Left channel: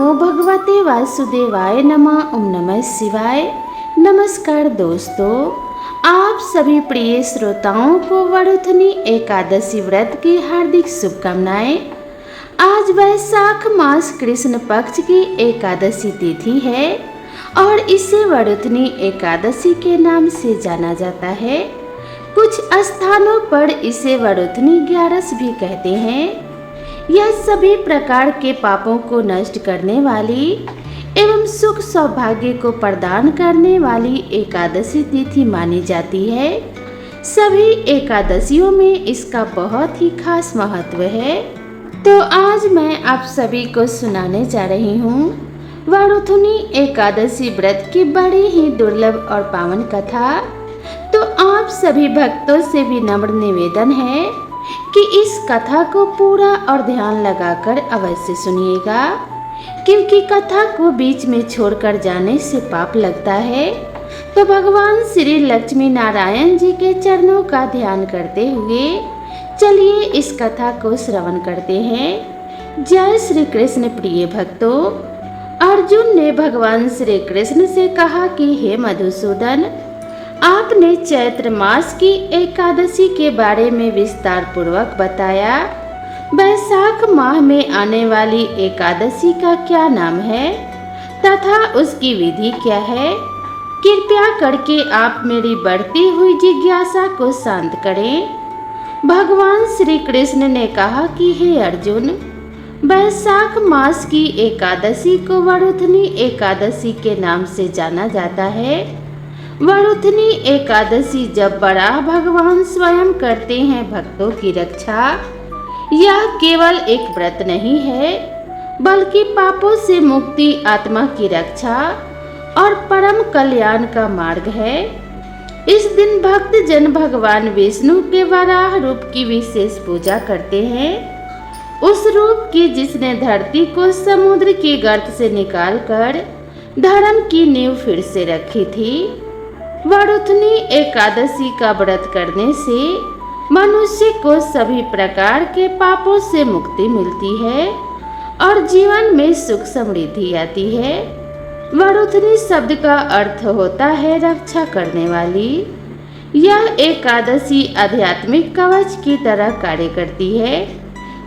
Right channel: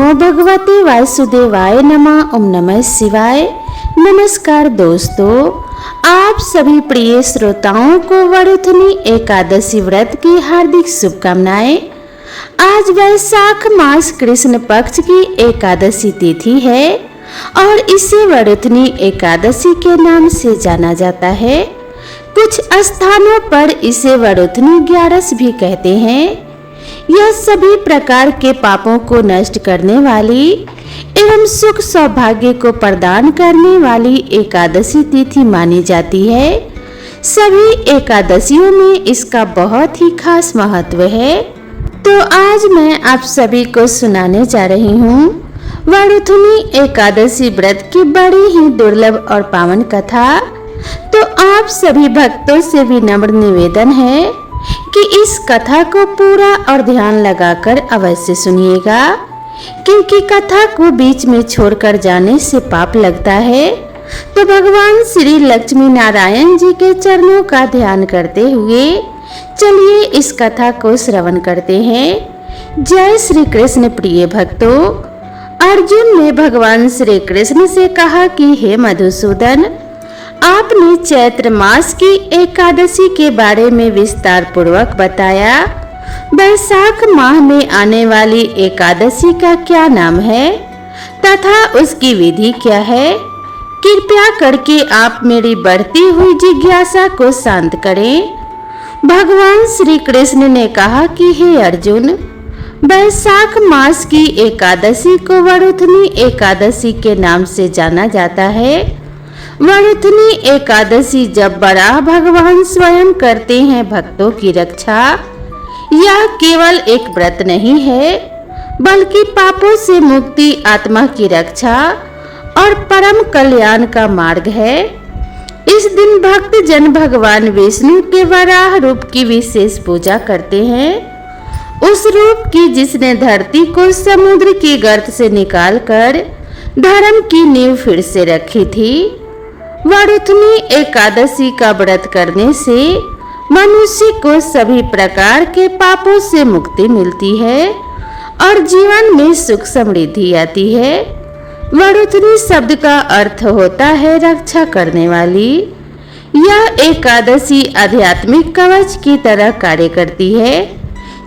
नमो भगवते वासुदेवाय नमः। ओम नमः शिवाय। नमस्कार दोस्तों, आप सभी प्रिय श्रोताओं को वरुथनी एकादशी व्रत की हार्दिक शुभकामनाएं। आज वैशाख मास कृष्ण पक्ष की एकादशी तिथि है और इसे वरुथनी एकादशी के नाम से जाना जाता है। कुछ स्थानों पर इसे वरुथनी ग्यारस भी कहते हैं। यह सभी प्रकार के पापों को नष्ट करने वाली एवं सुख सौभाग्य को प्रदान करने वाली एकादशी तिथि मानी जाती है। सभी एकादशियों में इसका बहुत ही खास महत्व है। तो आज मैं आप सभी को सुनाने जा रही हूँ वरुथनी एकादशी व्रत की बड़ी ही दुर्लभ और पावन कथा। तो आप सभी भक्तों से विनम्र निवेदन है कि इस कथा को पूरा और ध्यान लगाकर अवश्य सुनिएगा, क्योंकि कथा को बीच में छोड़कर जाने से पाप लगता है। तो भगवान श्री लक्ष्मी नारायण जी के चरणों का ध्यान करते हुए चलिए इस कथा को श्रवण करते हैं। जय श्री कृष्ण। प्रिय भक्तों, अर्जुन ने भगवान श्री कृष्ण से कहा कि हे मधुसूदन, आपने चैत्र मास की एकादशी के बारे में विस्तार पूर्वक बताया। वैशाख माह में आने वाली एकादशी का क्या नाम है तथा उसकी विधि क्या है? कृपया करके आप मेरी बढ़ती हुई जिज्ञासा को शांत करें। भगवान श्री कृष्ण ने कहा कि हे अर्जुन, वैशाख मास की एकादशी को वरुथनी एकादशी के नाम से जाना जाता है। वरुथनी एकादशी जब वराह भगवान स्वयं करते हैं भक्तों की रक्षा। यह केवल एक व्रत नहीं है, बल्कि पापों से मुक्ति, आत्मा की रक्षा और परम कल्याण का मार्ग है। इस दिन भक्त जन भगवान विष्णु के वराह रूप की विशेष पूजा करते हैं। उस रूप की जिसने धरती को समुद्र की गर्त से निकालकर धर्म की नींव फिर से रखी थी। वरुथनी एकादशी का व्रत करने से मनुष्य को सभी प्रकार के पापों से मुक्ति मिलती है और जीवन में सुख समृद्धि आती है। वरुथनी शब्द का अर्थ होता है रक्षा करने वाली। यह एकादशी आध्यात्मिक कवच की तरह कार्य करती है।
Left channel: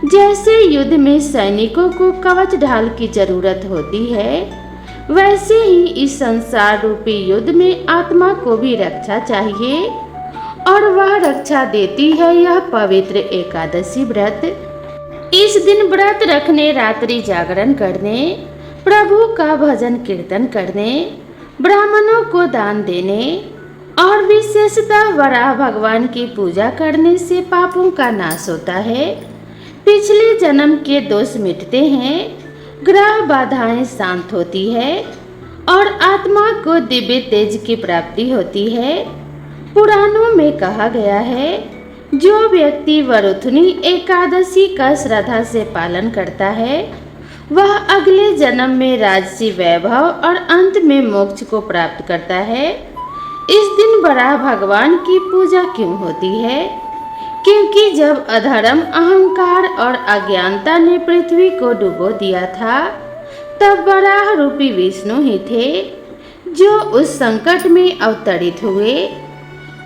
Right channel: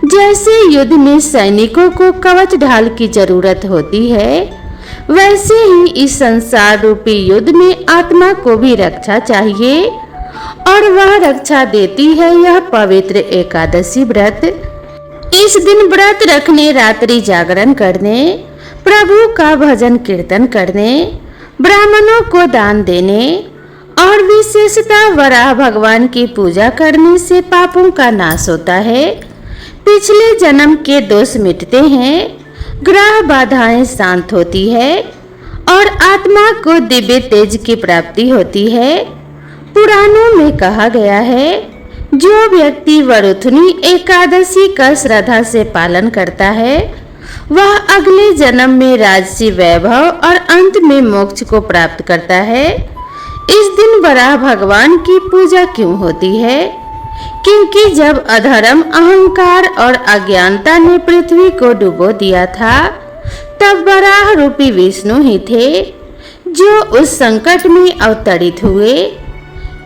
जैसे युद्ध में सैनिकों को कवच ढाल की जरूरत होती है, वैसे ही इस संसार रूपी युद्ध में आत्मा को भी रक्षा चाहिए और वह रक्षा देती है यह पवित्र एकादशी व्रत। इस दिन व्रत रखने, रात्रि जागरण करने, प्रभु का भजन कीर्तन करने, ब्राह्मणों को दान देने और विशेषतः वराह भगवान की पूजा करने से पापों का नाश होता है। पिछले जन्म के दोष मिटते हैं, ग्रह बाधाएं शांत होती है और आत्मा को दिव्य तेज की प्राप्ति होती है। पुराणों में कहा गया है, जो व्यक्ति वरुथनी एकादशी का श्रद्धा से पालन करता है, वह अगले जन्म में राजसी वैभव और अंत में मोक्ष को प्राप्त करता है। इस दिन वराह भगवान की पूजा क्यों होती है? क्योंकि जब अधर्म, अहंकार और अज्ञानता ने पृथ्वी को डुबो दिया था, तब वराह रूपी विष्णु ही थे जो उस संकट में अवतरित हुए।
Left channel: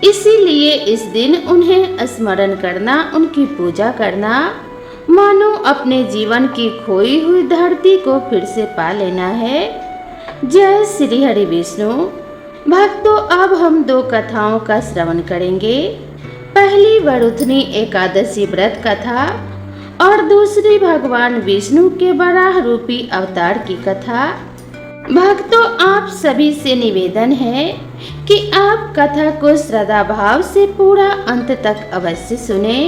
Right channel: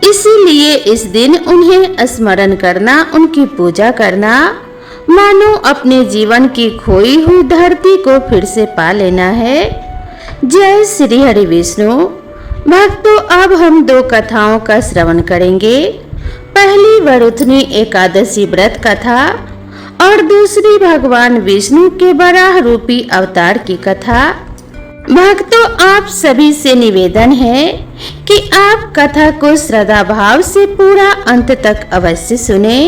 इसीलिए इस दिन उन्हें स्मरण करना, उनकी पूजा करना, मानो अपने जीवन की खोई हुई धरती को फिर से पा लेना है। जय श्री हरि विष्णु। भक्तों, अब हम दो कथाओं का श्रवण करेंगे। पहली वरुथनी एकादशी व्रत कथा और दूसरी भगवान विष्णु के वराह रूपी अवतार की कथा। भक्तों, आप सभी से निवेदन है कि आप कथा को श्रद्धा भाव से पूरा अंत तक अवश्य सुने।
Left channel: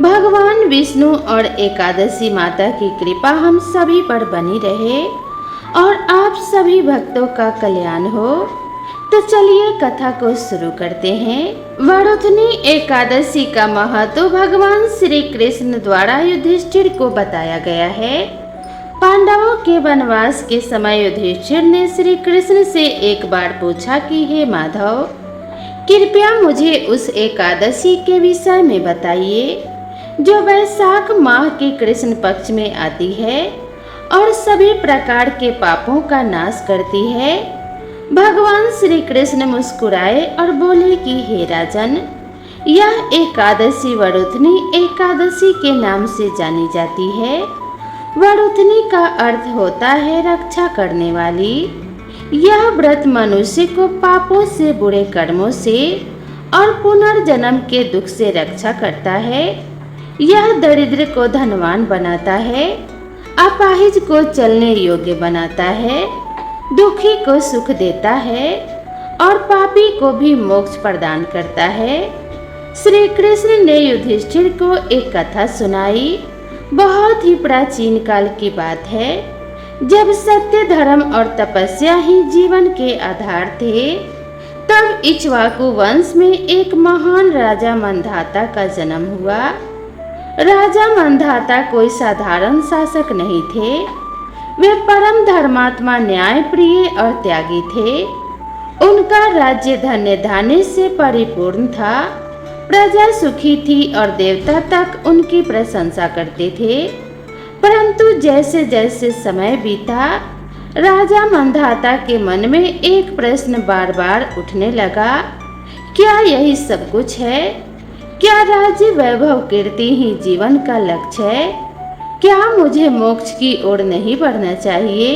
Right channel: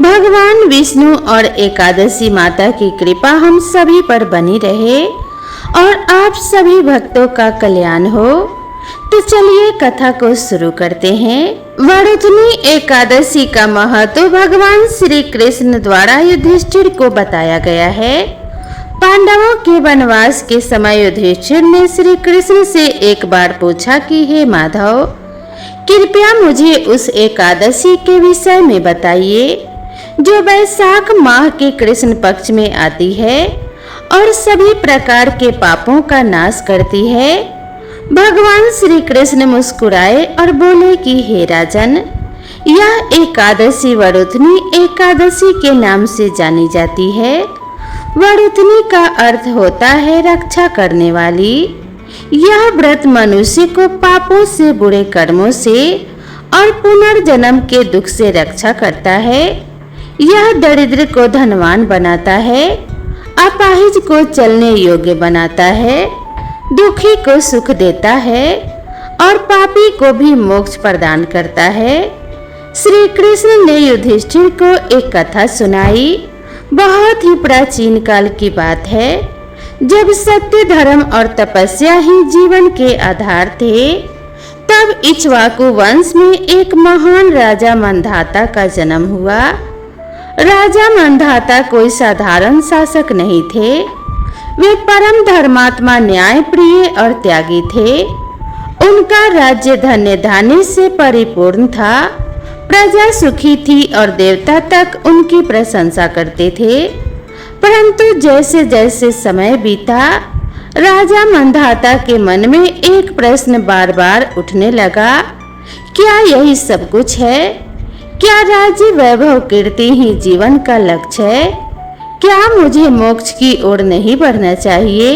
भगवान विष्णु और एकादशी माता की कृपा हम सभी पर बनी रहे और आप सभी भक्तों का कल्याण हो। तो चलिए कथा को शुरू करते हैं। वरुथनी एकादशी का महत्व भगवान श्री कृष्ण द्वारा युधिष्ठिर को बताया गया है। पांडवों के वनवास के समय युधिष्ठिर ने श्री कृष्ण से एक बार पूछा कि हे माधव, कृपया मुझे उस एकादशी के विषय में बताइए जो वैशाख माह के कृष्ण पक्ष में आती है और सभी प्रकार के पापों का नाश करती है। भगवान श्री कृष्ण मुस्कुराए और बोले कि हे राजन, यह एकादशी वरुथनी एकादशी के नाम से जानी जाती है। वरुथनी का अर्थ होता है रक्षा करने वाली। यह व्रत मनुष्य को पापों से, बुरे कर्मों से और पुनर्जन्म के दुख से रक्षा करता है। यह दरिद्र को धनवान बनाता है, अपाहिज को चलने योग्य बनाता है, दुखी को सुख देता है और पापी को भी मोक्ष प्रदान करता है। श्री कृष्ण ने युधिष्ठिर को एक कथा सुनाई। बहुत ही प्राचीन काल की बात है, जब सत्य, धर्म और तपस्या ही जीवन के आधार थे। तब इक्ष्वाकु वंश में एक महान राजा मंधाता का जन्म हुआ। राजा मंधाता कोई साधारण शासक नहीं थे। वे परम धर्मात्मा, न्याय प्रिय और त्यागी थे। उनका राज्य धन्य धान्य से परिपूर्ण था। प्रजा सुखी थी और देवता तक उनकी प्रशंसा करते थे। परंतु जैसे जैसे समय बीता, राजा मंधाता के मन में एक प्रश्न बार बार उठने लगा, क्या यही सब कुछ है? क्या राज्य, वैभव, कीर्ति ही जीवन का लक्ष्य है? क्या मुझे मोक्ष की ओर नहीं बढ़ना चाहिए?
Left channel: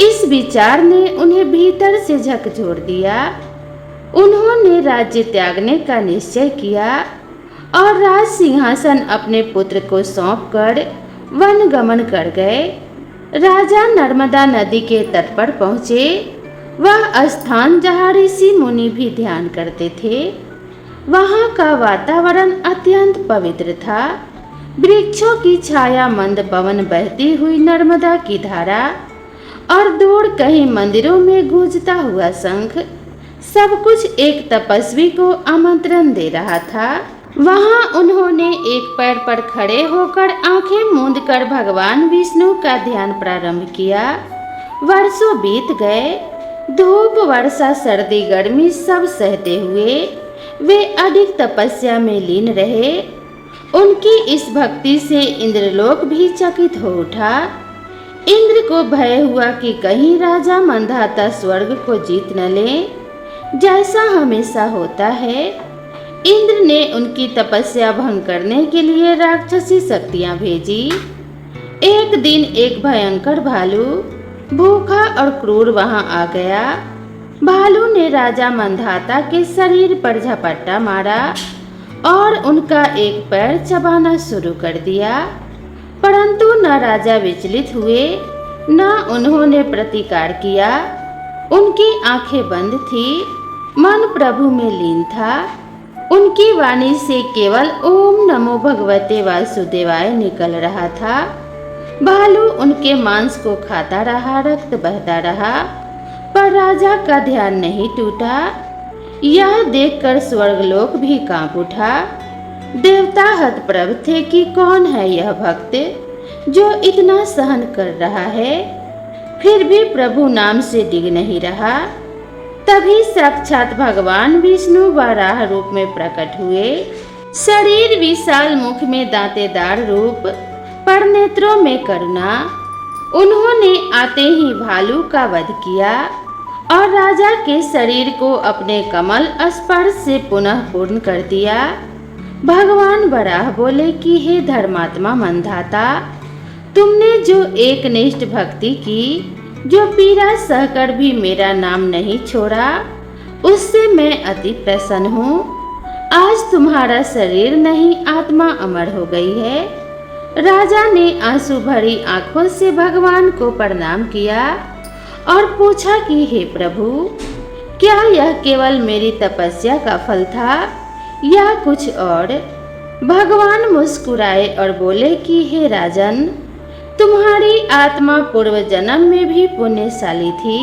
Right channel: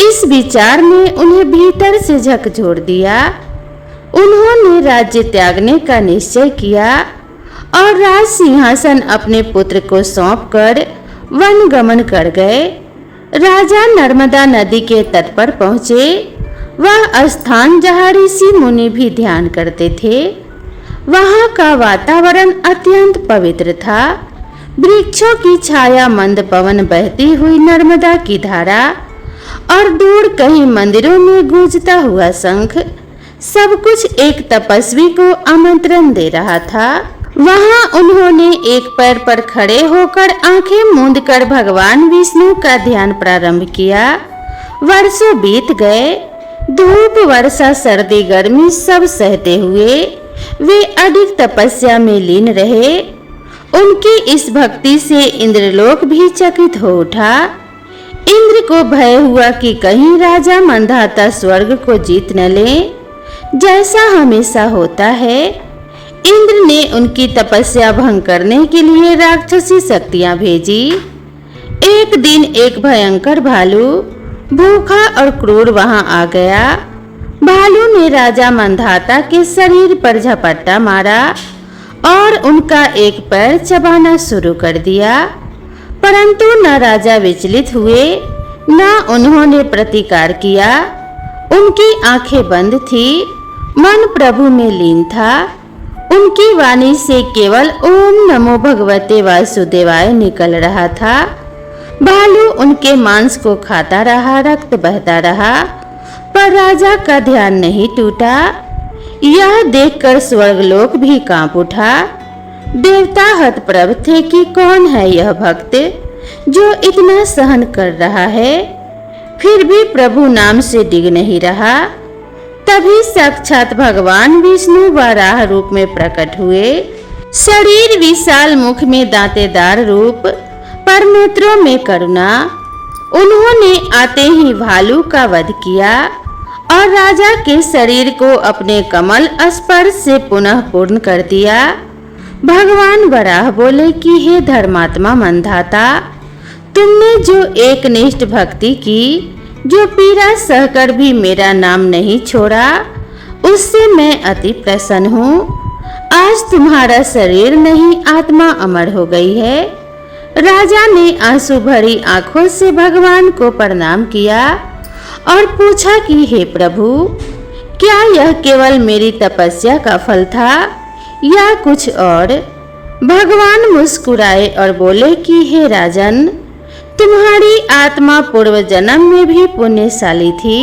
इस विचार ने उन्हें भीतर से झकझोर दिया। उन्होंने राज्य त्यागने का निश्चय किया और राज सिंहासन अपने पुत्र को सौंपकर वन गमन कर गए। राजा नर्मदा नदी के तट पर पहुँचे। वह स्थान जहाँ ऋषि मुनि भी ध्यान करते थे। वहाँ का वातावरण अत्यंत पवित्र था। वृक्षों की छाया, मंद पवन, बहती हुई नर्मदा की धारा और दूर कहीं मंदिरों में गूंजता हुआ शंख, सब कुछ एक तपस्वी को आमंत्रण दे रहा था। वहां उन्होंने एक पैर पर खड़े होकर आंखें मूंदकर भगवान विष्णु का ध्यान प्रारंभ किया। वर्षों बीत गए। धूप, वर्षा, सर्दी, गर्मी सब सहते हुए वे अधिक तपस्या में लीन रहे। उनकी इस भक्ति से इंद्रलोक भी चकित हो उठा। इंद्र को भय हुआ कि कहीं राजा मंधाता स्वर्ग को जीत न ले, जैसा हमेशा होता है। इंद्र ने उनकी तपस्या भंग करने के लिए राक्षसी शक्तियां भेजी। एक दिन एक भयंकर भालू, भूखा और क्रूर वहां आ गया। भालू ने राजा मंधाता के शरीर पर झपट्टा मारा और उनका एक पैर चबाना शुरू कर दिया। परंतु न राजा विचलित हुए, न उन्होंने प्रतिकार किया। उनकी आंखें बंद थी, मन प्रभु में लीन था। उनकी वाणी से केवल ओम नमो भगवते वासुदेवाय निकल रहा था। भालू उनके मांस को खाता रहा, रक्त बहता रहा, पर राजा का ध्यान नहीं टूटा। यह देखकर स्वर्गलोक भी कांप उठा। देवता हतप्रभ थे कि कौन है यह भक्त जो इतना सहन कर रहा है, फिर भी प्रभु नाम से डिग नहीं रहा। तभी साक्षात भगवान विष्णु वराह रूप में प्रकट हुए। शरीर विशाल, मुख में दांतेदार रूप, पर नेत्रों में करुणा। उन्होंने आते ही भालू का वध किया और राजा के शरीर को अपने कमल स्पर्श से पुनः पूर्ण कर दिया। भगवान वराह बोले कि हे धर्मात्मा मंधाता, तुमने जो एकनिष्ठ भक्ति की, जो पीड़ा सहकर भी मेरा नाम नहीं छोड़ा, उससे मैं अति प्रसन्न हूँ। आज तुम्हारा शरीर नहीं, आत्मा अमर हो गई है। राजा ने आंसू भरी आंखों से भगवान को प्रणाम किया और पूछा कि हे प्रभु, क्या यह केवल मेरी तपस्या का फल था या कुछ और? भगवान मुस्कुराए और बोले कि हे राजन, तुम्हारी आत्मा पूर्व जन्म में भी पुण्यशाली थी।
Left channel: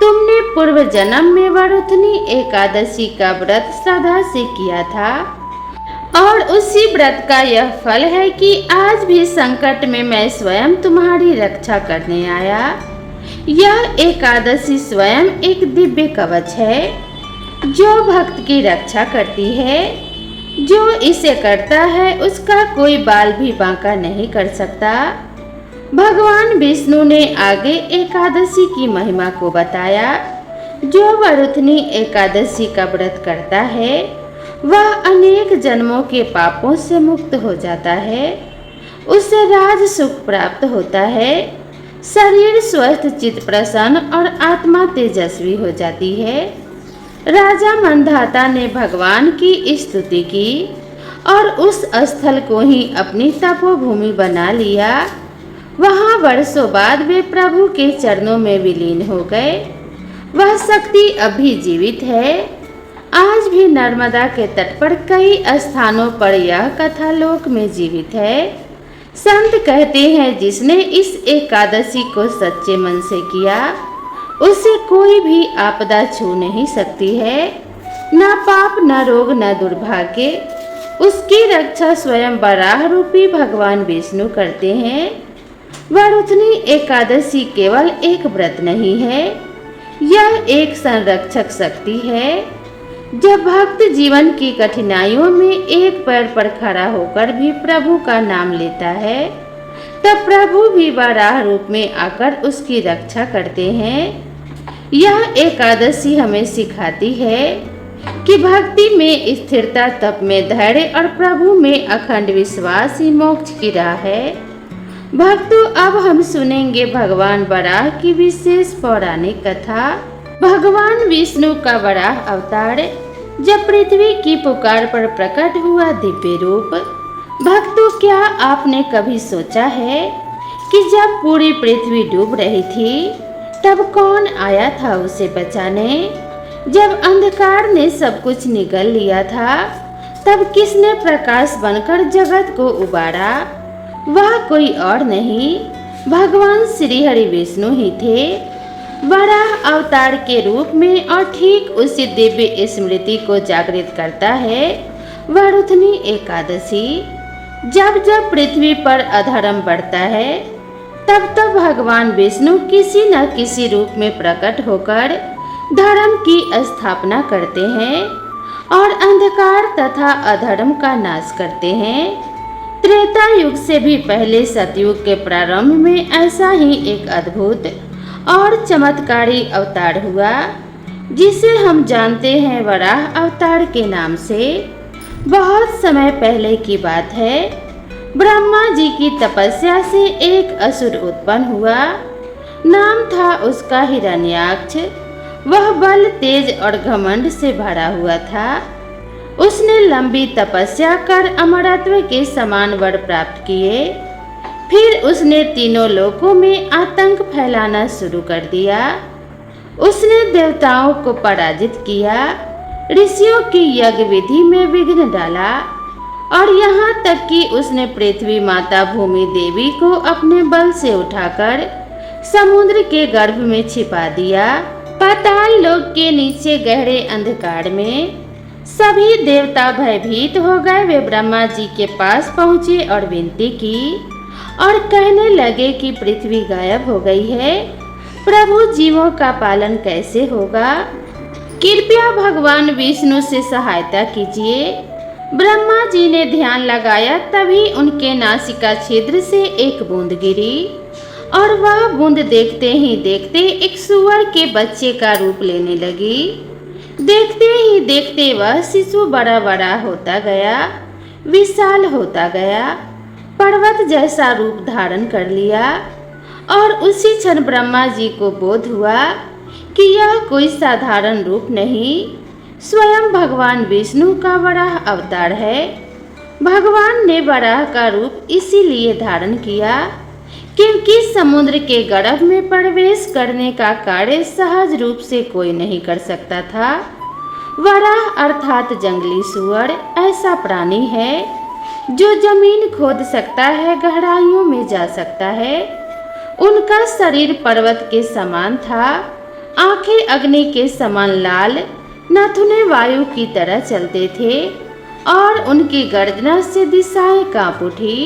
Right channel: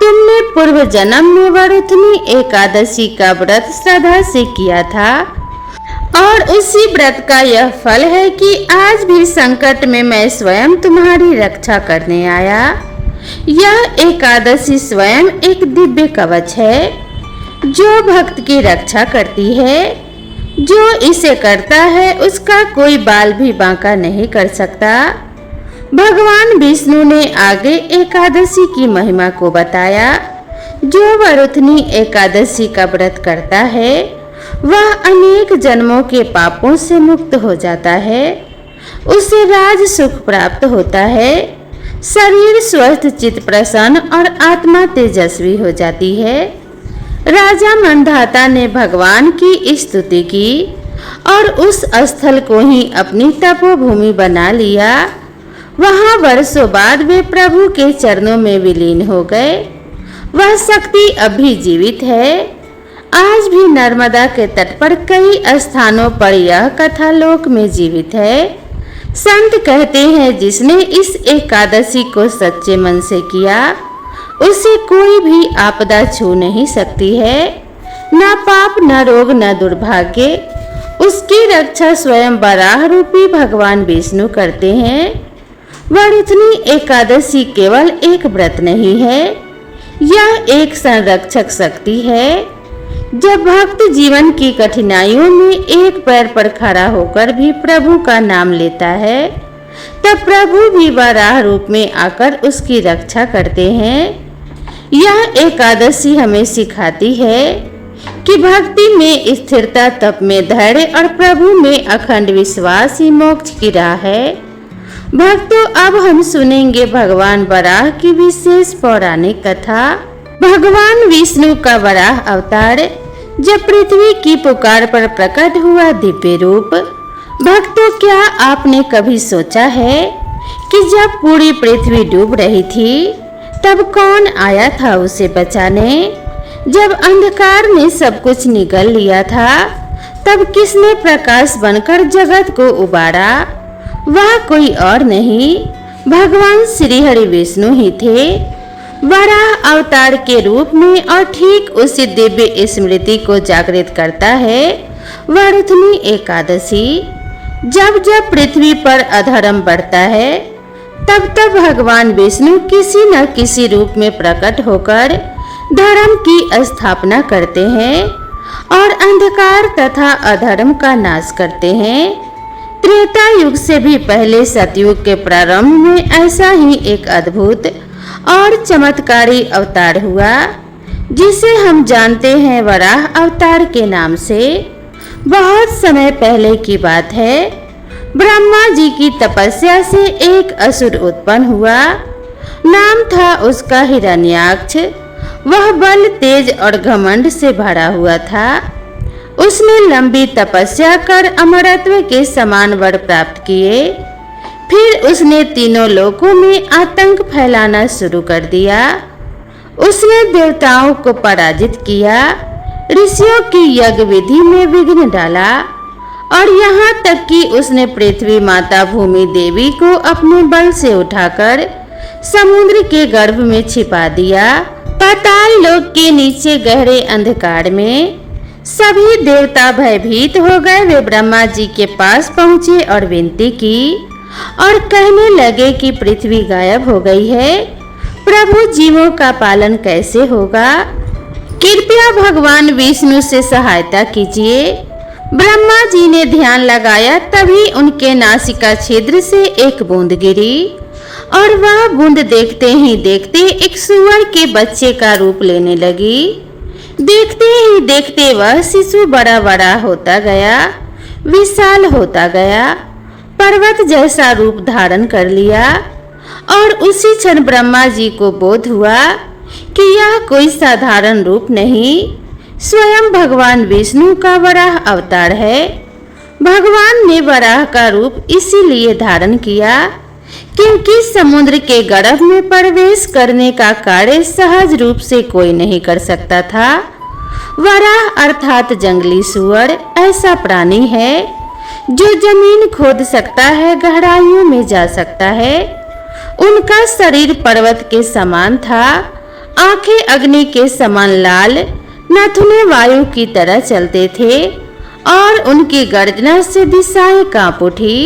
तुमने पूर्व जन्म में वरुथनी एकादशी का व्रत श्रद्धा से किया था और उसी व्रत का यह फल है कि आज भी संकट में मैं स्वयं तुम्हारी रक्षा करने आया। यह एकादशी स्वयं एक दिव्य कवच है जो भक्त की रक्षा करती है। जो इसे करता है उसका कोई बाल भी बांका नहीं कर सकता। भगवान विष्णु ने आगे एकादशी की महिमा को बताया। जो वरुथनी एकादशी का व्रत करता है वह अनेक जन्मों के पापों से मुक्त हो जाता है, उसे राज सुख प्राप्त होता है, शरीर स्वस्थ, चित्त प्रसन्न और आत्मा तेजस्वी हो जाती है। राजा मंधाता ने भगवान की स्तुति की और उस स्थल को ही अपनी तपोभूमि बना लिया। वहां वर्षों बाद वे प्रभु के चरणों में विलीन हो गए। वह शक्ति अभी जीवित है। आज भी नर्मदा के तट पर कई स्थानों पर यह कथा लोक में जीवित है। संत कहते हैं जिसने इस एकादशी को सच्चे मन से किया उसे कोई भी आपदा छू नहीं सकती है, न पाप, न रोग, न दुर्भाग्य। उसकी रक्षा स्वयं वराह रूपी भगवान विष्णु करते हैं। वरुथनी एकादशी केवल एक व्रत नहीं है, यह एक संरक्षक शक्ति है। जब भक्त जीवन की कठिनाइयों में एक पैर पर खड़ा होकर भी प्रभु का नाम लेता है, तब प्रभु भी वराह रूप में आकर उसकी रक्षा करते हैं। यह एकादशी हमें सिखाती है कि भक्ति में स्थिरता, तप में धैर्य और प्रभु में अखंड विश्वास ही मोक्ष की राह है। भक्तों, अब हम सुनेंगे भगवान वराह की विशेष पौराणिक कथा। भगवान विष्णु का वराह अवतार जब पृथ्वी की पुकार पर प्रकट हुआ दिव्य रूप। भक्तों, क्या आपने कभी सोचा है कि जब पूरी पृथ्वी डूब रही थी तब कौन आया था उसे बचाने? जब अंधकार ने सब कुछ निगल लिया था तब किसने प्रकाश बनकर जगत को उबारा? वह कोई और नहीं, भगवान श्री हरि विष्णु ही थे। वराह अवतार के रूप में और ठीक उसी दिव्य स्मृति को जागृत करता है वरुथनी एकादशी। जब जब पृथ्वी पर अधर्म बढ़ता है तब तब भगवान विष्णु किसी न किसी रूप में प्रकट होकर धर्म की स्थापना करते हैं और अंधकार तथा अधर्म का नाश करते हैं। त्रेता युग से भी पहले सतयुग के प्रारंभ में ऐसा ही एक अद्भुत और चमत्कारी अवतार हुआ जिसे हम जानते हैं वराह अवतार के नाम से। बहुत समय पहले की बात है, ब्रह्मा जी की तपस्या से एक असुर उत्पन्न हुआ। नाम था उसका हिरण्याक्ष। वह बल, तेज और घमंड से भरा हुआ था। उसने लंबी तपस्या कर अमरत्व के समान वर प्राप्त किए। फिर उसने तीनों लोकों में आतंक फैलाना शुरू कर दिया। उसने देवताओं को पराजित किया, ऋषियों की यज्ञ विधि में विघ्न डाला और यहाँ तक कि उसने पृथ्वी माता भूमि देवी को अपने बल से उठाकर समुद्र के गर्भ में छिपा दिया। पाताल लोक के नीचे गहरे अंधकार में सभी देवता भयभीत हो गए। वे ब्रह्मा जी के पास पहुँचे और विनती की और कहने लगे कि पृथ्वी गायब हो गई है, प्रभु जीवों का पालन कैसे होगा? कृपया भगवान विष्णु से सहायता कीजिए। ब्रह्मा जी ने ध्यान लगाया, तभी उनके नासिका छिद्र से एक बूंद गिरी और वह बूंद देखते ही देखते एक सूअर के बच्चे का रूप लेने लगी। देखते ही देखते वह शिशु बड़ा बड़ा होता गया, विशाल होता गया, पर्वत जैसा रूप धारण कर लिया और उसी क्षण ब्रह्मा जी को बोध हुआ कि यह कोई साधारण रूप नहीं, स्वयं भगवान विष्णु का वराह अवतार है। भगवान ने वराह का रूप इसीलिए धारण किया क्योंकि समुद्र के गर्भ में प्रवेश करने का कार्य सहज रूप से कोई नहीं कर सकता था। वराह अर्थात जंगली सूअर ऐसा प्राणी है जो जमीन खोद सकता है, गहराइयों में जा सकता है। उनका शरीर पर्वत के समान था, आंखें अग्नि के समान लाल, नाखून वायु की तरह चलते थे और उनकी गर्जना से दिशाएं कांप उठी।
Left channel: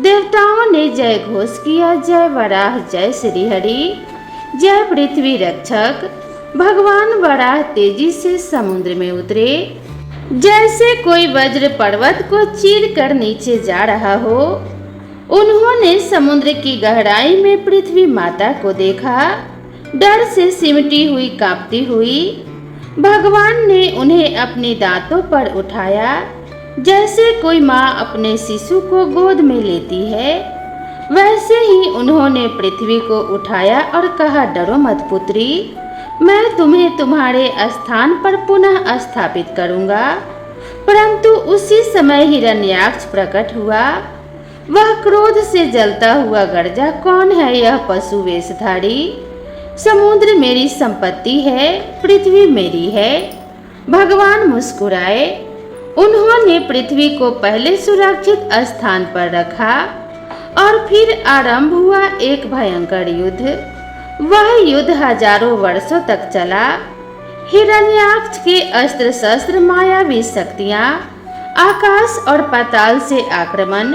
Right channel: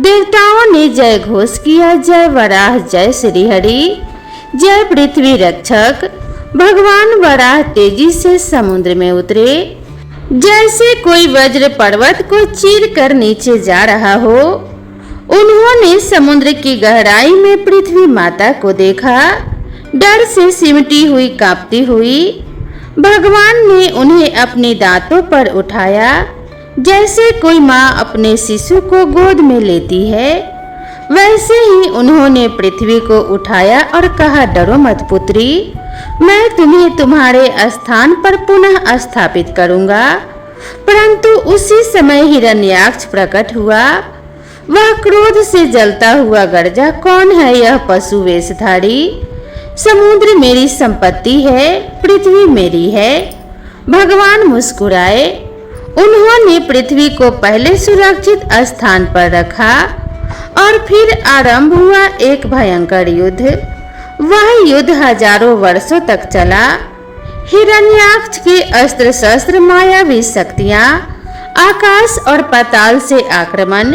देवताओं ने जय घोष किया, जय वराह, जय श्री हरि, जय पृथ्वी रक्षक। भगवान वराह तेजी से समुद्र में उतरे, जैसे कोई वज्र पर्वत को चीर कर नीचे जा रहा हो। उन्होंने समुद्र की गहराई में पृथ्वी माता को देखा, डर से सिमटी हुई कांपती हुई। भगवान ने उन्हें अपने दांतों पर उठाया, जैसे कोई माँ अपने शिशु को गोद में लेती है। वैसे ही उन्होंने पृथ्वी को उठाया और कहा, डरो मत पुत्री, मैं तुम्हें तुम्हारे स्थान पर पुनः स्थापित करूंगा। परंतु उसी समय हिरण्याक्ष प्रकट हुआ। वह क्रोध से जलता हुआ गरजा, कौन है यह पशु वेशधारी? समुद्र मेरी संपत्ति है, पृथ्वी मेरी है। भगवान मुस्कुराए। उन्होंने पृथ्वी को पहले सुरक्षित स्थान पर रखा और फिर आरंभ हुआ एक भयंकर युद्ध। वह युद्ध हजारों वर्षों तक चला। हिरण्याक्ष के अस्त्र शस्त्र, मायावी शक्तियां, आकाश और पाताल से आक्रमण,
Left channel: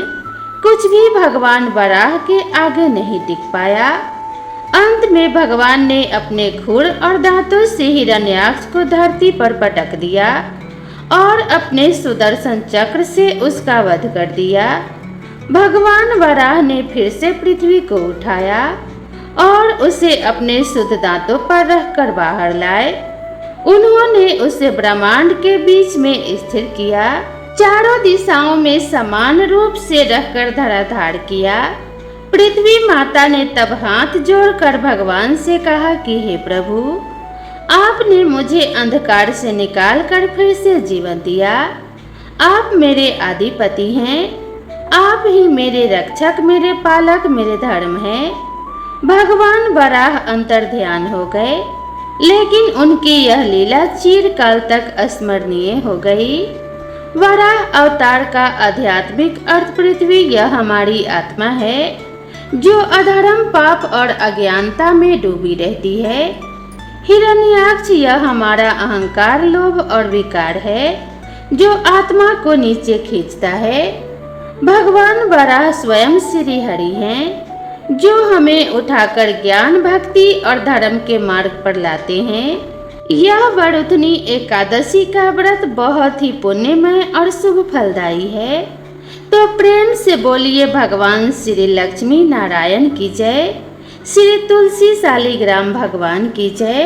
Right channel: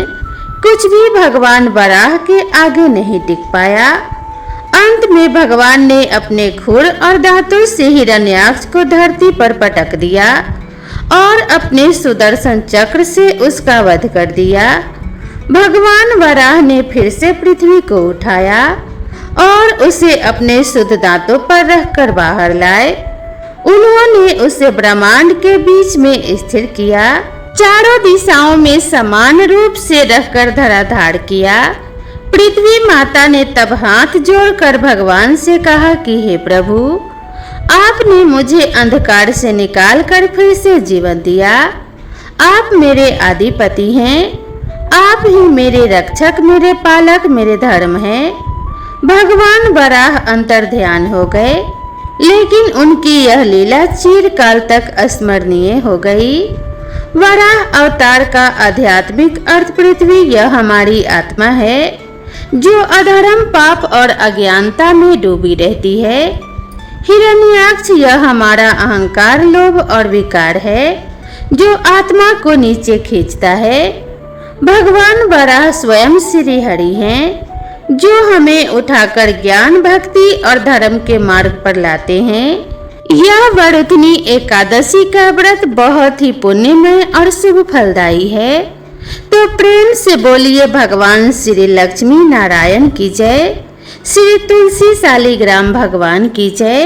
कुछ भी भगवान वराह के आगे नहीं टिक पाया। अंत में भगवान ने अपने खुर और दांतों से हिरण्याक्ष को धरती पर पटक दिया और अपने सुदर्शन चक्र से उसका वध कर दिया। भगवान वराह ने फिर से पृथ्वी को उठाया और उसे अपने शुद्ध दांतों पर रखकर बाहर लाए। उन्होंने उसे ब्रह्मांड के बीच में स्थिर किया, चारों दिशाओं में समान रूप से रखकर धराधार किया। पृथ्वी माता ने तब हाथ जोड़कर भगवान से कहा कि हे प्रभु, आपने मुझे अंधकार से निकालकर फिर से जीवन दिया। आप मेरे आदिपति हैं, आप ही मेरे रक्षक, मेरे पालक, मेरे धर्म हैं। भगवान वराह अंतर ध्यान हो गए, लेकिन उनकी यह लीला चिरकाल तक अस्मरणीय हो गई। वराह अवतार का आध्यात्मिक अर्थ पृथ्वी यह हमारी आत्मा है, जो अधर्म, पाप और अज्ञानता में डूबी रहती है। हिरण्याक्ष यह हमारा अहंकार, लोभ और विकार है, जो आत्मा को नीचे खींचता है। भगवान वराह स्वयं श्री हरि हैं, जो हमें उठाकर ज्ञान, भक्ति और धर्म के मार्ग पर लाते हैं। यह वरुथनी एकादशी का व्रत बहुत ही पुण्यमय और शुभ फलदायी है। तो प्रेम से बोलिए भगवान श्री लक्ष्मी नारायण की जय, श्री तुलसी शालिग्राम भगवान की जय।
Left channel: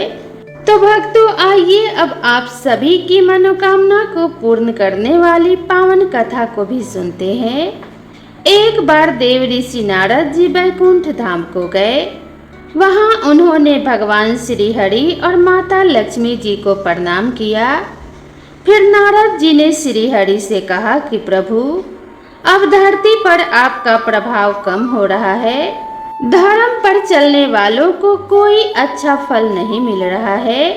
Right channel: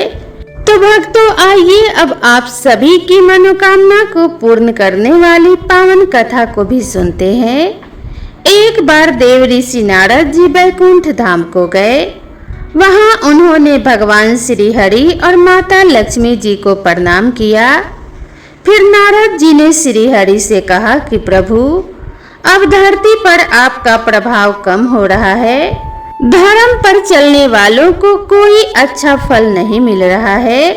तो भक्तों, आइए अब आप सभी की मनोकामना को पूर्ण करने वाली पावन कथा को भी सुनते हैं। एक बार देव ऋषि नारद जी बैकुंठ धाम को गए। वहां उन्होंने भगवान श्री हरि और माता लक्ष्मी जी को प्रणाम किया। फिर नारद जी ने श्री हरि से कहा कि प्रभु, अब धरती पर आपका प्रभाव कम हो रहा है। धर्म पर चलने वालों को कोई अच्छा फल नहीं मिल रहा है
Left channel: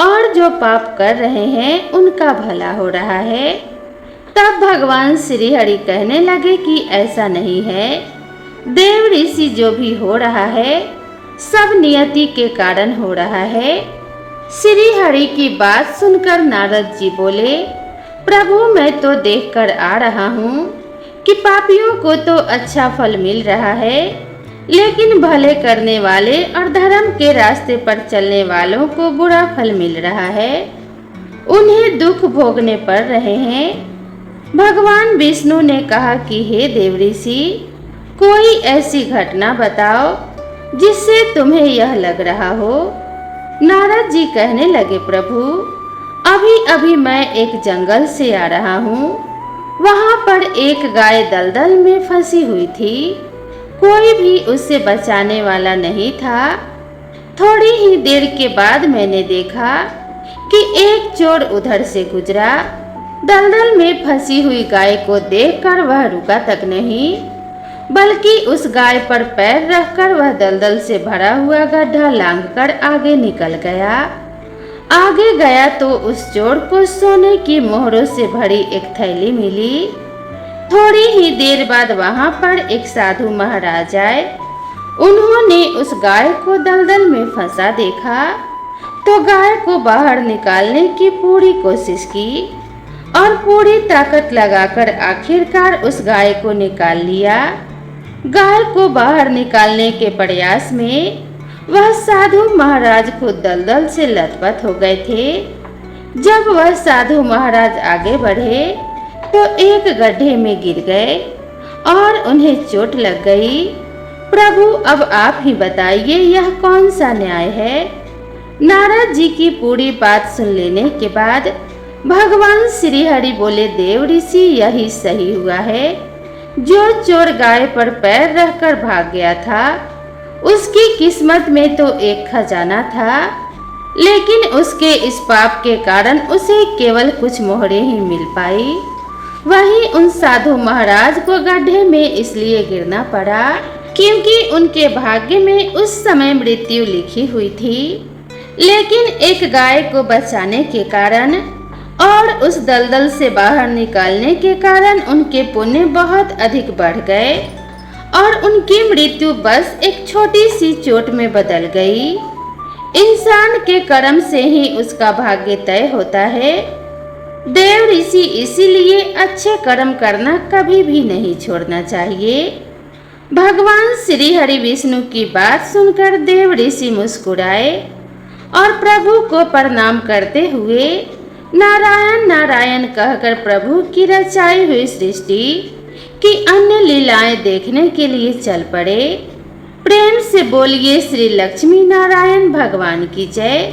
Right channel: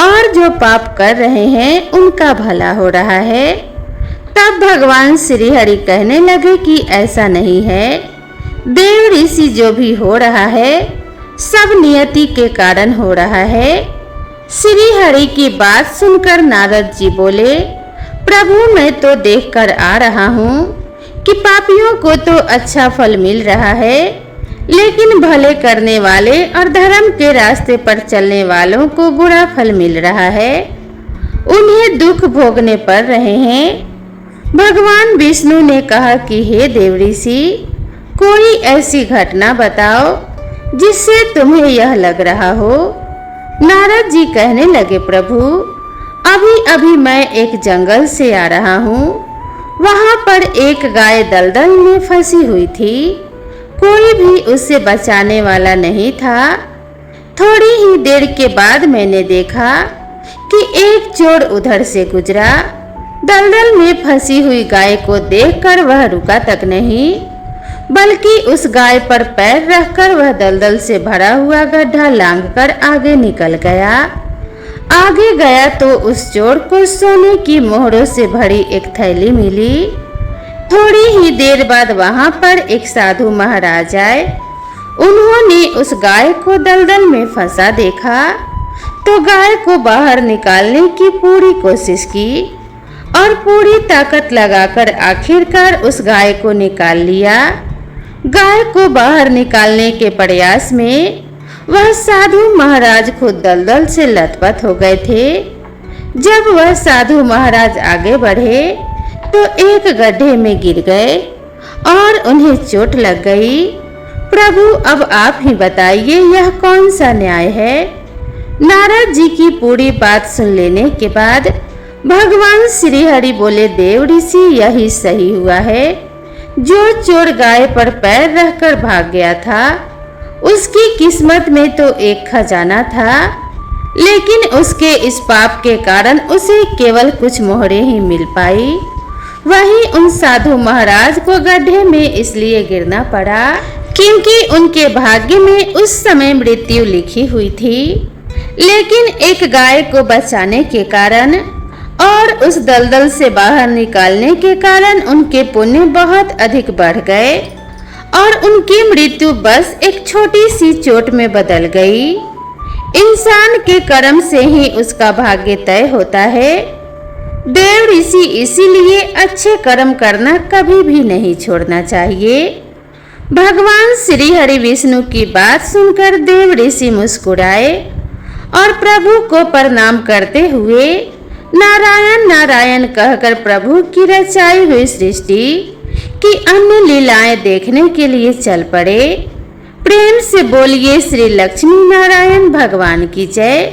और जो पाप कर रहे हैं उनका भला हो रहा है। तब भगवान श्री हरि कहने लगे कि ऐसा नहीं है। देव ऋषि, जो भी हो रहा है सब नियति के कारण हो रहा है। श्री हरि की बात सुनकर नारद जी बोले, प्रभु, मैं तो देखकर आ रहा हूँ कि पापियों को तो अच्छा फल मिल रहा है, लेकिन भले करने वाले और धर्म के रास्ते पर चलने वालों को बुरा फल मिल रहा है। उन्हें दुख भोगने पड़ रहे हैं। भगवान विष्णु ने कहा कि हे देव ऋषि, कोई ऐसी घटना बताओ जिससे तुम्हें यह लग रहा हो। नारद जी कहने लगे, प्रभु, अभी अभी मैं एक जंगल से आ रहा हूँ। वहाँ पर एक गाय दलदल में फंसी हुई थी। कोई भी उसे बचाने वाला नहीं था। थोड़ी ही देर के बाद मैंने देखा कि एक चोर उधर से गुजरा। दलदल में फंसी हुई गाय को देखकर वह रुका तक नहीं, बल्कि उस गाय पर पैर रखकर वह दलदल से भरा हुआ गड्ढा लांघकर आगे निकल गया। आगे गया तो उस चोर को सोने की मोहरों से भरी एक थैली मिली। थोड़ी ही देर बाद वहां पर एक साधु महाराज आए। उन्होंने उस गाय को दलदल में फंसा देखा तो गाय को बाहर निकालने की पूरी कोशिश की और पूरी ताकत लगाकर आखिरकार उस गाय को निकाल लिया। गाय को बाहर निकालने के प्रयास में वह साधु महाराज खुद दलदल से लथपथ हो गए थे। जब वह साधु महाराज आगे बढ़े तो एक गड्ढे में गिर गए और उन्हें चोट लग गई। प्रभु अब आप ही बताइए यह कौन सा न्याय है। नारद जी की पूरी बात सुन लेने के बाद भगवान श्री हरि बोले, देव ऋषि यही सही हुआ है। जो चोर गाय पर पैर रखकर भाग गया था उसकी किस्मत में तो एक खजाना था, लेकिन उसके इस पाप के कारण उसे केवल कुछ मोहरे ही मिल पाई। वहीं उन साधु महाराज को गड्ढे में इसलिए गिरना पड़ा क्योंकि उनके भाग्य में उस समय मृत्यु लिखी हुई थी। लेकिन एक गाय को बचाने के कारण और उस दलदल से बाहर निकालने के कारण उनके पुण्य बहुत अधिक बढ़ गए और उनकी मृत्यु बस एक छोटी सी चोट में बदल गई। इंसान के कर्म से ही उसका भाग्य तय होता है। देव ऋषि इसीलिए अच्छे कर्म करना कभी भी नहीं छोड़ना चाहिए। भगवान श्री हरि विष्णु की बात सुनकर देव ऋषि मुस्कुराए और प्रभु को प्रणाम करते हुए नारायण नारायण कहकर प्रभु की रचाई हुई सृष्टि की अन्य लीलाएं देखने के लिए चल पड़े। प्रेम से बोलिए श्री लक्ष्मी नारायण भगवान की जय।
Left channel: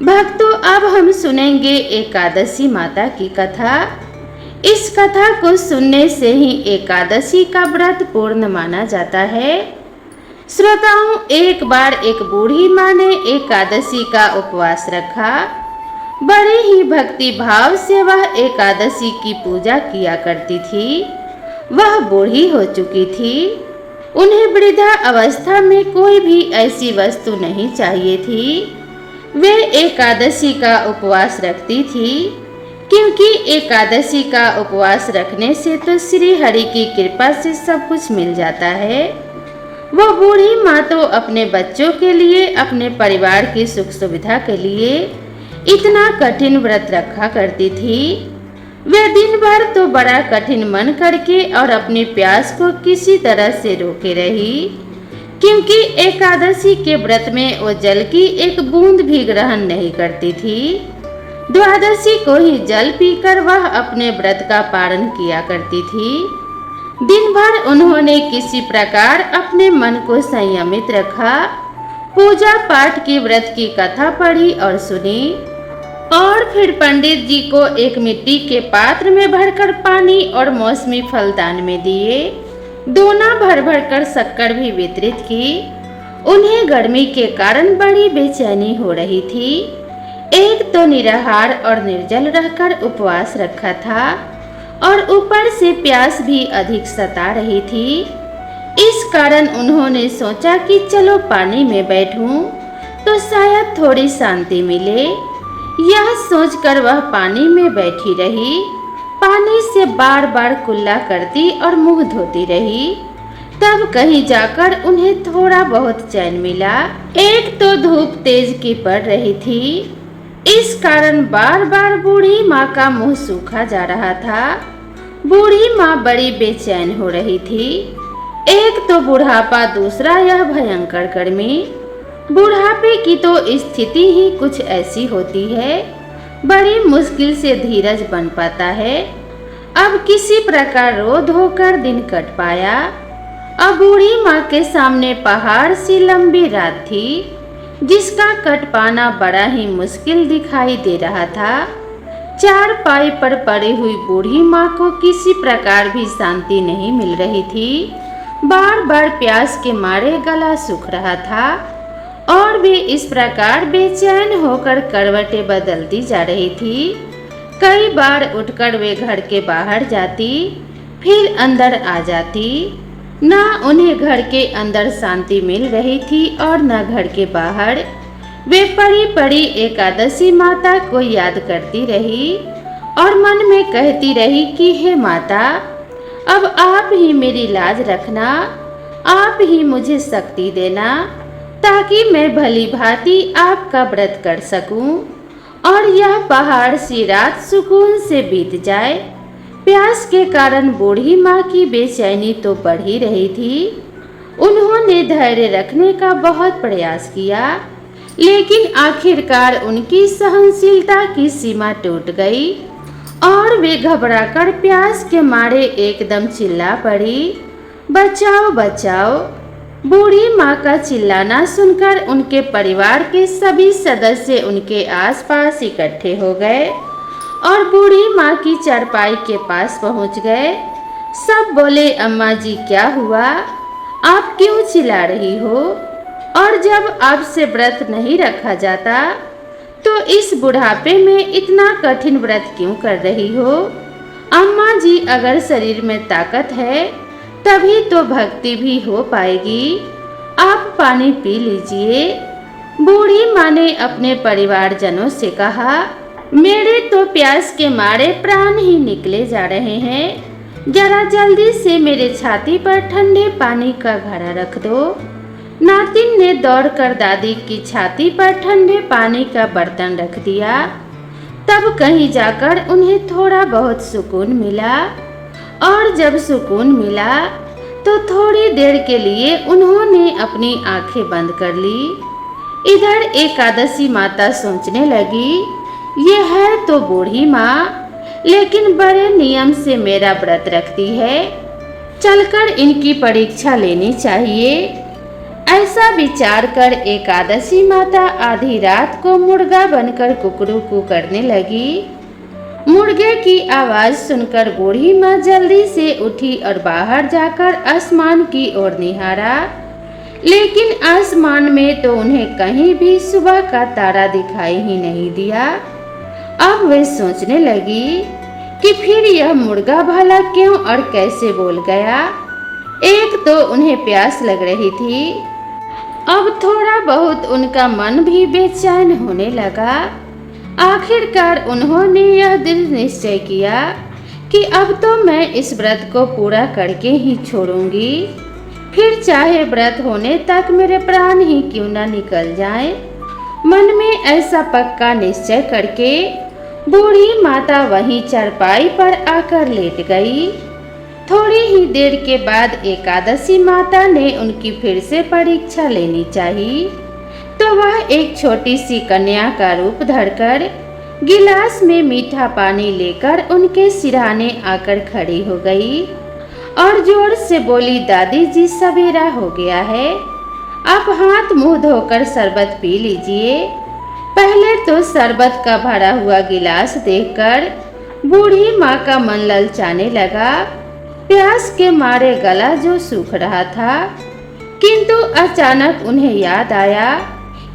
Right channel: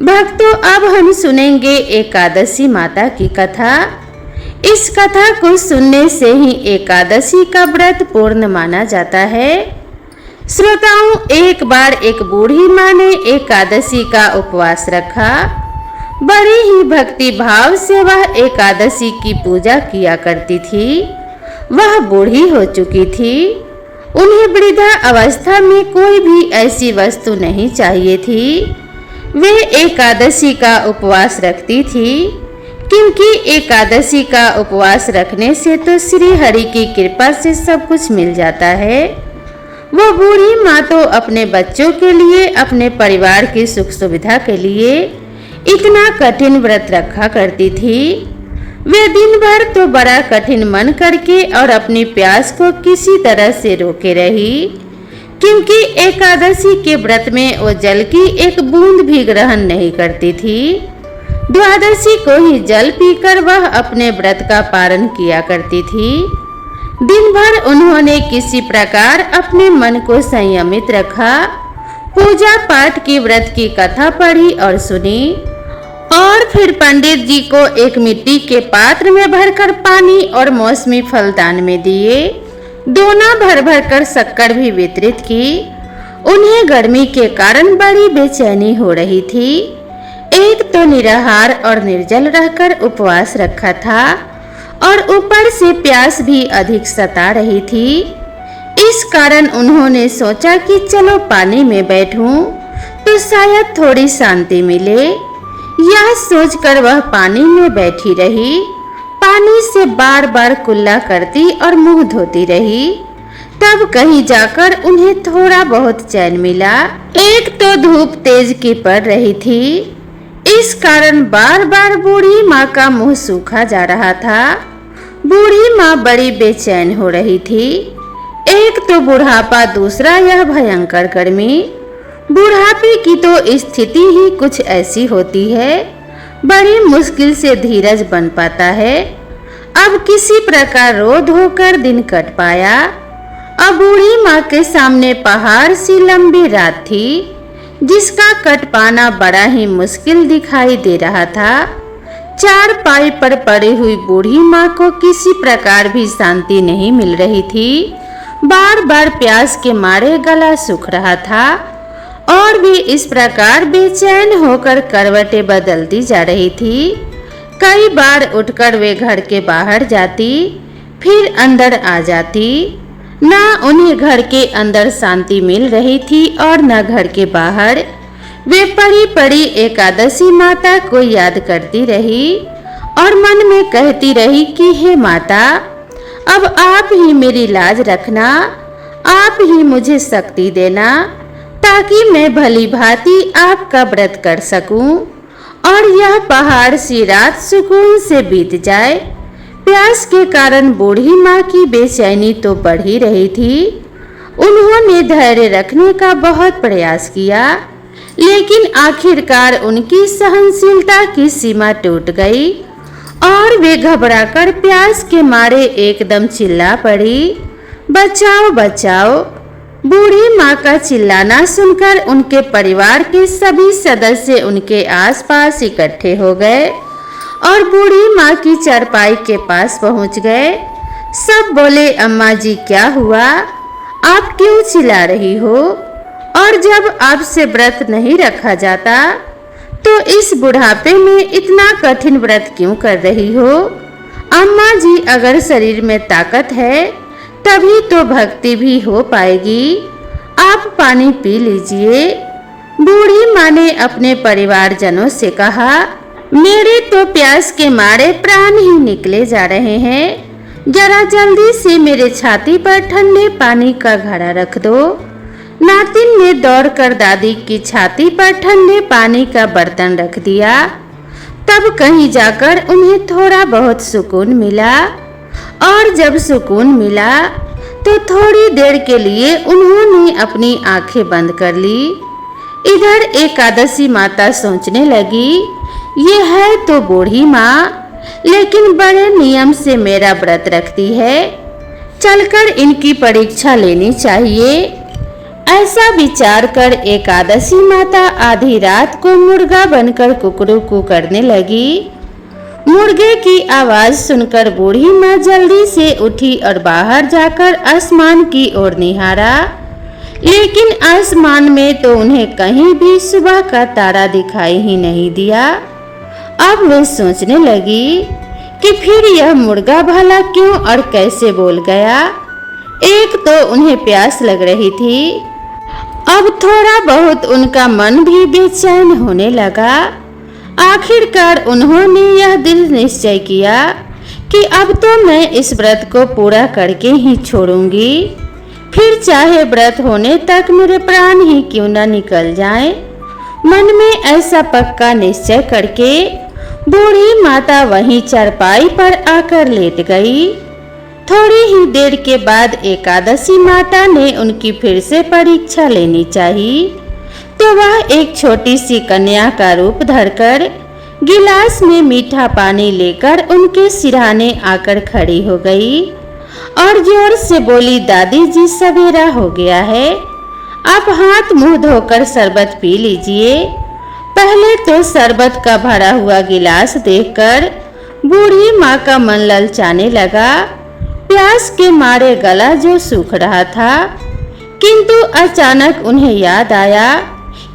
भक्तों, अब हम सुनेंगे एकादशी माता की कथा। इस कथा को सुनने से ही एकादशी का व्रत पूर्ण माना जाता है। श्रोताओं, एक बार एक बूढ़ी माँ ने एकादशी का उपवास रखा। बड़े ही भक्ति भाव से वह एकादशी की पूजा किया करती थी। वह बूढ़ी हो चुकी थी। उन्हें वृद्धा अवस्था में कोई भी ऐसी वस्तु नहीं चाहिए थी। वे एकादशी का उपवास रखती थी क्योंकि एकादशी का उपवास रखने से तो श्री हरि की कृपा से सब कुछ मिल जाता है। वो बूढ़ी माँ तो अपने बच्चों के लिए, अपने परिवार की सुख सुविधा के लिए इतना कठिन व्रत रखा करती थी। वे दिन भर तो बड़ा कठिन मन करके और अपनी प्यास को किसी तरह से रोके रही, क्योंकि एकादशी के व्रत में वो जल की एक बूंद भी ग्रहण नहीं करती थी। द्वादशी को ही जल पीकर वह अपने व्रत का पालन किया करती थी। दिन भर उन्होंने किसी प्रकार अपने मन को संयमित रखा, पूजा पाठ की व्रत की कथा पढ़ी और सुनी और फिर पंडित जी को एक मिट्टी के पात्र में भरकर पानी और मौसमी फल दान में दिए। दोना भर भर कर शक्कर भी वितरित की। उन्हें गर्मी के कारण बड़ी बेचैनी हो रही थी। एक तो निराहार और निर्जल रहकर उपवास रखा था और ऊपर से प्यास भी अधिक सता रही थी। इस कारण उन्होंने सोचा कि चलो पानी में बैठूं तो शायद थोड़ी शांति मिले। यह सोचकर वह पानी में बैठी रही। पानी से बार बार कुल्ला करती और मुंह धोती रही। तब कहीं जाकर उन्हें थोड़ा बहुत चैन मिला। एक तो धूप तेज की पड़ रही थी, इस कारण बार बार बूढ़ी माँ का मुंह सूखा जा रहा था। बूढ़ी माँ बड़ी बेचैन हो रही थी। एक तो बुढ़ापा, दूसरा यह भयंकर गर्मी। बुढ़ापे की तो स्थिति ही कुछ ऐसी होती है, बड़ी मुश्किल से धीरज बन पाता है। अब किसी प्रकार रो धोकर दिन कट पाया। अब बूढ़ी माँ के सामने पहाड़ सी लंबी रात थी, जिसका कट पाना बड़ा ही मुश्किल दिखाई दे रहा था। चारपाई पर पड़ी हुई बूढ़ी माँ को किसी प्रकार भी शांति नहीं मिल रही थी। बार बार प्यास के मारे गला सूख रहा था और भी इस प्रकार बेचैन होकर करवटें बदलती जा रही थी। कई बार उठकर वे घर के बाहर जाती, फिर अंदर आ जाती। न उन्हें घर के अंदर शांति मिल रही थी और न घर के बाहर। वे पड़ी पड़ी एकादशी माता को याद करती रही और मन में कहती रही कि हे माता, अब आप ही मेरी लाज रखना, आप ही मुझे शक्ति देना ताकि मैं भली भांति आपका व्रत कर सकूं और यह पहाड़ सी रात सुकून से बीत जाए। प्यास के कारण बूढ़ी माँ की बेचैनी तो बढ़ ही रही थी। उन्होंने धैर्य रखने का बहुत प्रयास किया, लेकिन आखिरकार उनकी सहनशीलता की सीमा टूट गई और वे घबराकर प्यास के मारे एकदम चिल्ला पड़ी, बचाओ बचाओ। बूढ़ी माँ का चिल्लाना सुनकर उनके परिवार के सभी सदस्य उनके आसपास इकट्ठे हो गए और बूढ़ी माँ की चारपाई के पास पहुँच गए। सब बोले, अम्मा जी क्या हुआ, आप क्यों चिल्ला रही हो? और जब आपसे व्रत नहीं रखा जाता तो इस बुढ़ापे में इतना कठिन व्रत क्यों कर रही हो? अम्मा जी, अगर शरीर में ताकत है तभी तो भक्ति भी हो पाएगी। आप पानी पी लीजिए। बूढ़ी माँ ने अपने परिवारजनों से कहा, मेरे तो प्यास के मारे प्राण ही निकले जा रहे हैं। जरा जल्दी से मेरे छाती पर ठंडे पानी का घड़ा रख दो। नातिन ने दौड़कर दादी की छाती पर ठंडे पानी का बर्तन रख दिया। तब कहीं जाकर उन्हें थोड़ा बहुत सुकून मिला और जब सुकून मिला तो थोड़ी देर के लिए उन्होंने अपनी आंखें बंद कर ली। इधर एकादशी माता सोचने लगी, ये है तो बूढ़ी माँ, लेकिन बड़े नियम से मेरा व्रत रखती है, चलकर इनकी परीक्षा लेनी चाहिए। ऐसा विचार कर एकादशी माता आधी रात को मुर्गा बनकर कुकड़ू करने लगी। मुर्गे की आवाज सुनकर बूढ़ी माँ जल्दी से उठी और बाहर जाकर आसमान की ओर निहारा, लेकिन आसमान में तो उन्हें कहीं भी सुबह का तारा दिखाई ही नहीं दिया। अब वे सोचने लगी कि फिर यह मुर्गा भला क्यों और कैसे बोल गया। एक तो उन्हें प्यास लग रही थी, अब थोड़ा बहुत उनका मन भी बेचैन होने लगा। आखिरकार उन्होंने यह दिल निश्चय किया कि अब तो मैं इस व्रत को पूरा करके ही छोड़ूंगी, फिर चाहे व्रत होने तक मेरे प्राण ही क्यों न निकल जाएं। मन में ऐसा पक्का निश्चय करके बूढ़ी माता वहीं चारपाई पर आकर लेट गई। थोड़ी ही देर के बाद एकादशी माता ने उनकी फिर से परीक्षा लेनी चाहिए, तो वह एक छोटी सी कन्या का रूप धरकर गिलास में मीठा पानी लेकर उनके सिरहाने आकर खड़ी हो गई और जोर से बोली, दादी जी सवेरा हो गया है, आप हाथ मुंह धोकर शरबत पी लीजिए। पहले तो शरबत का भरा हुआ गिलास देखकर बूढ़ी माँ का मन ललचाने लगा। प्यास के मारे गला जो सूख रहा था, किंतु अचानक उन्हें याद आया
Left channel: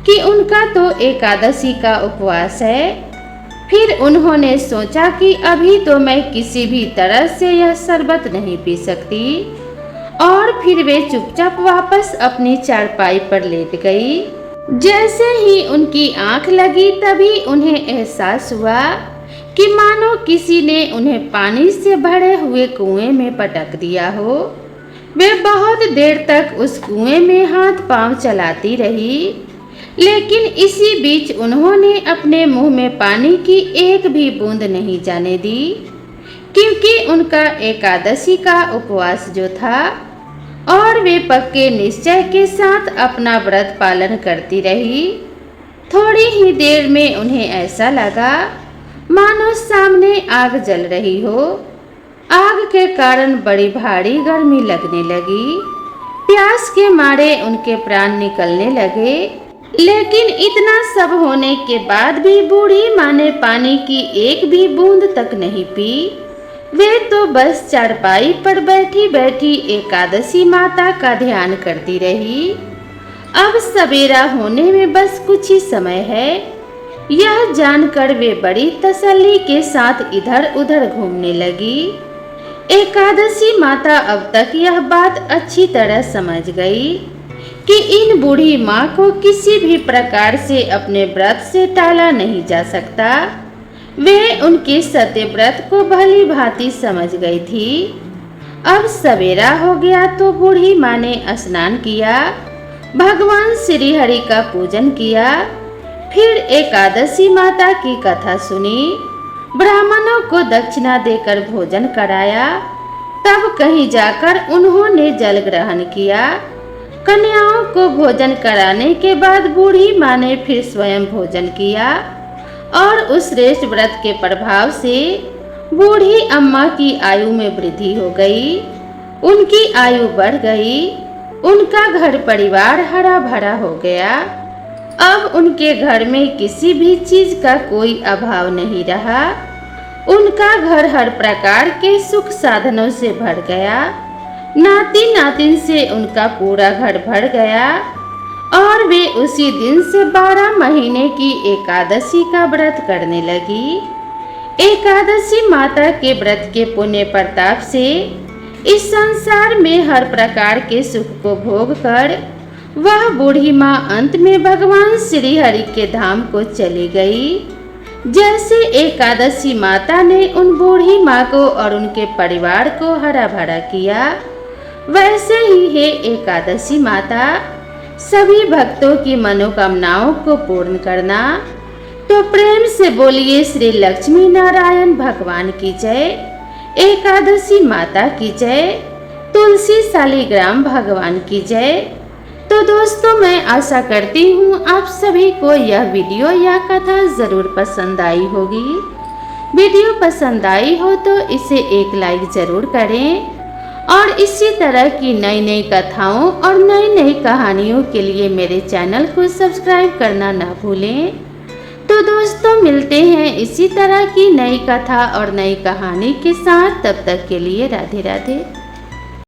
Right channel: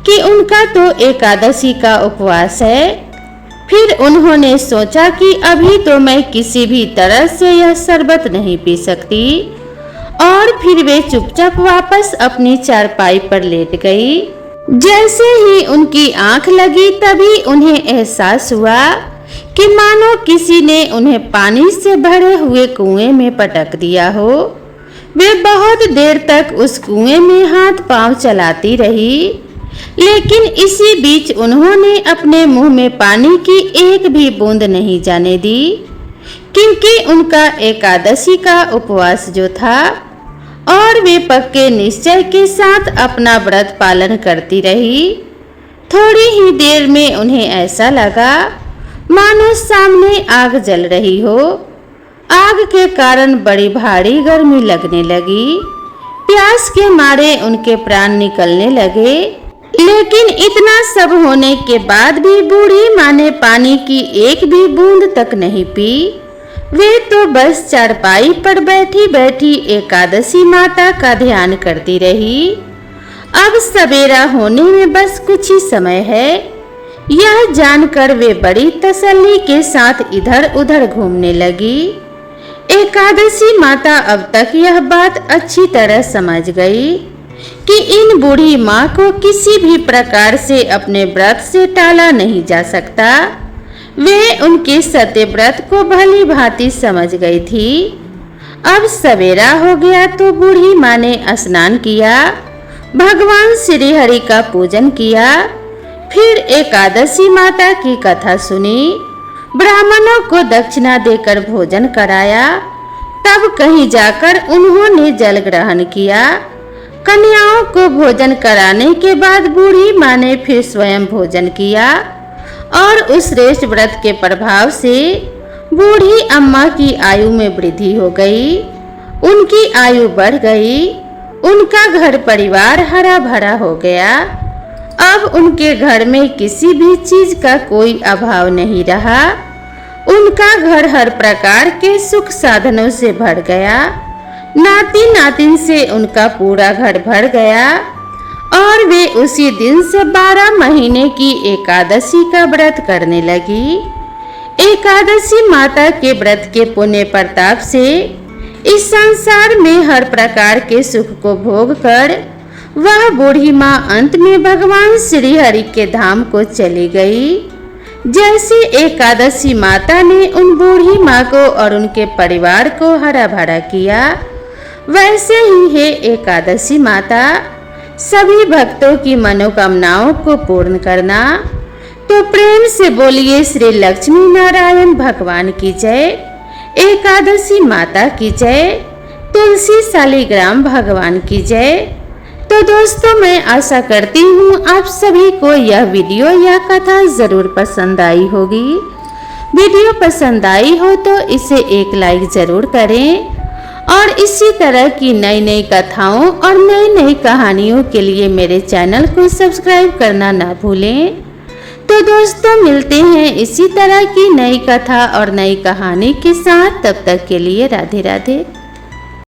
कि उनका तो एकादशी का उपवास है। फिर उन्होंने सोचा कि अभी तो मैं किसी भी तरह से यह शरबत नहीं पी सकती, और फिर वे चुपचाप वापस अपनी चारपाई पर लेट गई। जैसे ही उनकी आंख लगी तभी उन्हें एहसास हुआ कि मानो किसी ने उन्हें पानी से भरे हुए कुएं में पटक दिया हो। वे बहुत देर तक उस कुएं में हाथ पांव चलाती रही, लेकिन इसी बीच उन्होंने अपने मुंह में पानी की एक भी बूंद नहीं जाने दी, क्योंकि उनका एकादशी का उपवास जो था और वे पक्के निश्चय के साथ अपना व्रत पालन करती रही। थोड़ी ही देर में उन्हें ऐसा लगा मानो सामने आग जल रही हो। आग के कारण बड़ी भारी गर्मी लगने लगी। प्यास के मारे उनके प्राण निकलने लगे, लेकिन इतना सब होने के बाद भी बूढ़ी माँ ने पानी की एक भी बूंद तक नहीं पी। वे तो बस चारपाई पर बैठी बैठी एकादशी माता का ध्यान करती रही। अब सवेरा होने में बस कुछ ही समय है, यह जानकर वे बड़ी तसल्ली के साथ इधर उधर घूमने लगी। एकादशी माता अब तक यह बात अच्छी तरह समझ गई कि इन बूढ़ी माँ को किसी भी प्रकार से अपने व्रत से टाला नहीं जा सकता। वे उनके सत्य व्रत को भली भांति समझ गई थी। अब सवेरा हो गया तो बूढ़ी माँ ने स्नान किया, भगवान श्री हरि का पूजन किया, फिर एकादशी माता की कथा सुनी, ब्राह्मणों को दक्षिणा देकर भोजन कराया। तब कहीं जाकर उन्होंने जल ग्रहण किया। कन्याओं को भोजन कराने के बाद बूढ़ी माँ ने फिर स्वयं भोजन किया और उस श्रेष्ठ व्रत के प्रभाव से बूढ़ी अम्मा की आयु में वृद्धि हो गई, उनकी आयु बढ़ गई, उनका घर परिवार हरा भरा हो गया। अब उनके घर में किसी भी चीज का कोई अभाव नहीं रहा। उनका घर हर प्रकार के सुख साधनों से भर गया। नाती नातिन से उनका पूरा घर भर गया और वे उसी दिन से 12 महीने की एकादशी का व्रत करने लगी। एकादशी माता के व्रत के पुण्य प्रताप से इस संसार में हर प्रकार के सुख को भोग कर वह बूढ़ी माँ अंत में भगवान श्री हरि के धाम को चली गई। जैसे एकादशी माता ने उन बूढ़ी माँ को और उनके परिवार को हरा भरा किया, वैसे ही है एकादशी माता सभी भक्तों की मनोकामनाओं को पूर्ण करना। तो प्रेम से बोलिए श्री लक्ष्मी नारायण भगवान की जय, एकादशी माता की जय, तुलसी शालिग्राम भगवान की जय। तो दोस्तों, मैं आशा करती हूँ आप सभी को यह वीडियो या कथा जरूर पसंद आई होगी। वीडियो पसंद आई हो तो इसे एक लाइक जरूर करें और इसी तरह की नई नई कथाओं और नई नई कहानियों के लिए मेरे चैनल को सब्सक्राइब करना ना भूलें। तो दोस्तों, मिलते हैं इसी तरह की नई कथा और नई कहानी के साथ। तब तक के लिए राधे राधे।